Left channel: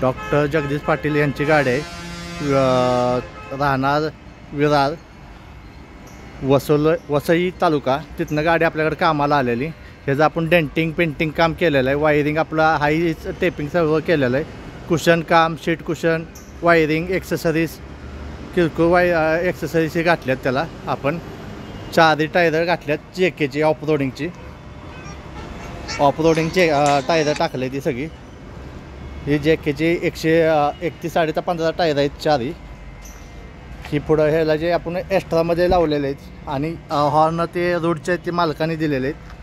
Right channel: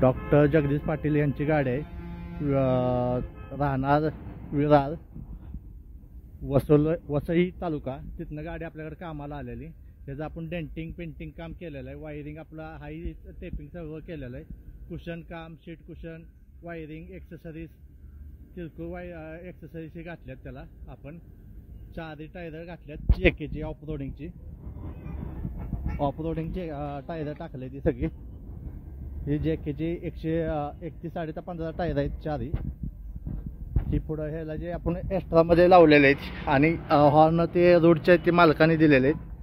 Doctor Jagdish Patil यांची गाडी आहे. राहणार विरार वसई तालुका. तिथनं गाडी आपल्याकडे कामाला आलेली. ह्याचं आपण डेंटिंग पेंटिंग काम केलेलं आहे. वायरिंग आपलं हाई टेपिंग सर्व केलेलं आहे. कुशन काम, शीट कुशन, वायरिंग, एक्सेसरीज, किरकोळ एक्सेसरीज हे घातल्यात त्याला. आपण 4 टायर घातल्यात जेकेची ऑफ रोडिंगची टायर टाकले ती सगळी. ही जेकेची 131 15 टायर आहेत 4. ही पुढं ह्याला जे आपण एक्स्ट्रामध्ये लावलेले आहेत आणि हॉर्न ते रोडचे आहेत ते मालकाने दिलेले आहेत.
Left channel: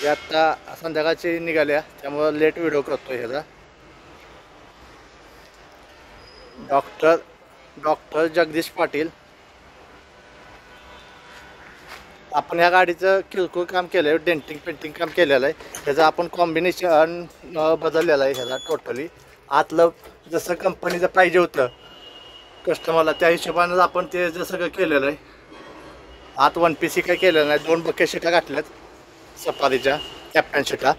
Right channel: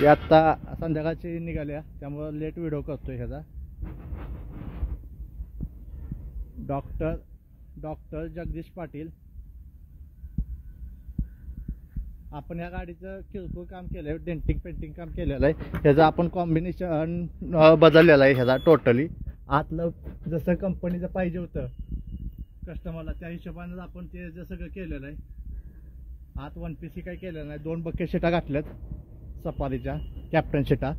हे आत्ता संध्याकाळची निघाल्या त्यामुळं लेट व्हिडिओ करतो ह्याचा. डॉक्टर जगदीश पाटील. आपण या गाडीचं किरकोळ काम केलं आहे, डेंटिंग पेंटिंग काम केलेलं आहे. ह्याचं आपण कॉम्बिनेशन बदललेलं आहे ह्याचा टोटली. आतलं जसं कंपनीचं पाहिजे होतं कस्टमरला त्या हिशोबानं आपण ते सगळं केलेलं आहे. आत 1 PC काही केलेलं नाही. 2 बकेट शिटा घातल्यात सफारीच्या, कॅप्टन शिटा.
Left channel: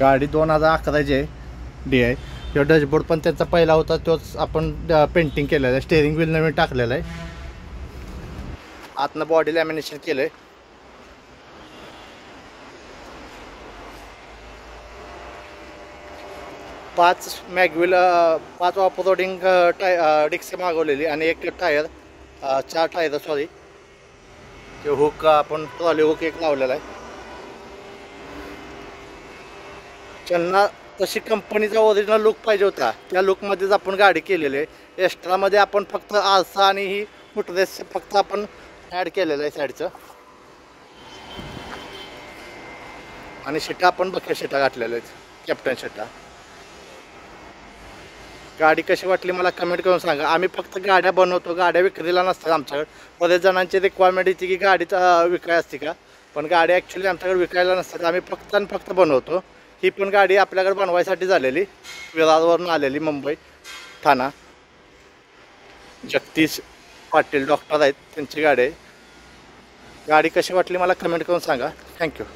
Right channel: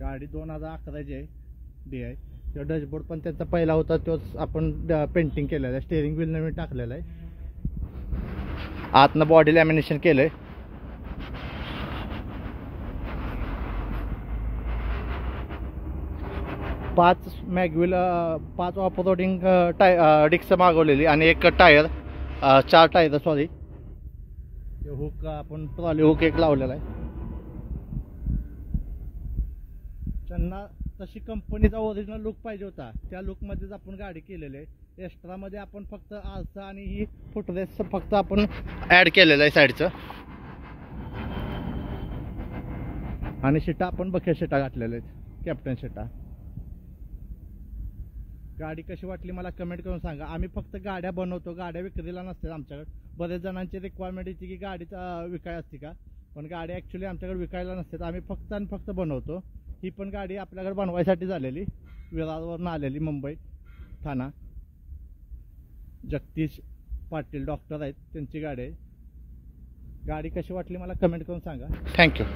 गाडी 2011ची आहे DI. किंवा डॅशबोर्ड पण त्यांचा पहिला होता तोच आपण पेंटिंग केलेला आहे. स्टेअरिंग व्हील नवीन टाकलेलं आहे. आतनं बॉडी लॅमिनेशन केलं आहे. पाच ऑफ रोडिंग डिक्स मागवलेली आणि 1 टायर 4 टायर सॉरी. ते हुक आपण ट्रॉली हुक एक लावलेला आहे. त्यांना तशी कंपनीचा ओरिजिनल लुक पाहिजे होता त्या लुकमध्येच आपण गाडी केलेली आहे. एक्स्ट्रामध्ये आपण फक्त आरसा आणि ही फुटरेस फक्त आपण ॲड केलेलं आहे साईडचं. आणि शिटा आपण बकेट शिटा घातलेल्या आहेत, कॅप्टन शिटा. गाडी कशी वाटली मला कमेंट करून सांगा. आम्ही फक्त गाड्या बनवतो, गाड्या विक्रीला नसतात आमच्याकडे. बरेच जणांची रिक्वायरमेंट येते की गाडीचा विकाय असते का, पण गाडी ॲक्च्युली आमच्याकडे विकायला नसतात. आम्ही फक्त आणि फक्त बनवतो. ही पण गाडी आपल्याकडे बनवायसाठी झालेली, विरारवरून आलेली, मुंबई ठाणा. जगदीश पाटील डॉक्टर आहेत, त्यांची गाडी आहे. गाडी कशी वाटली मला कमेंट करून सांगा. थँक्यू.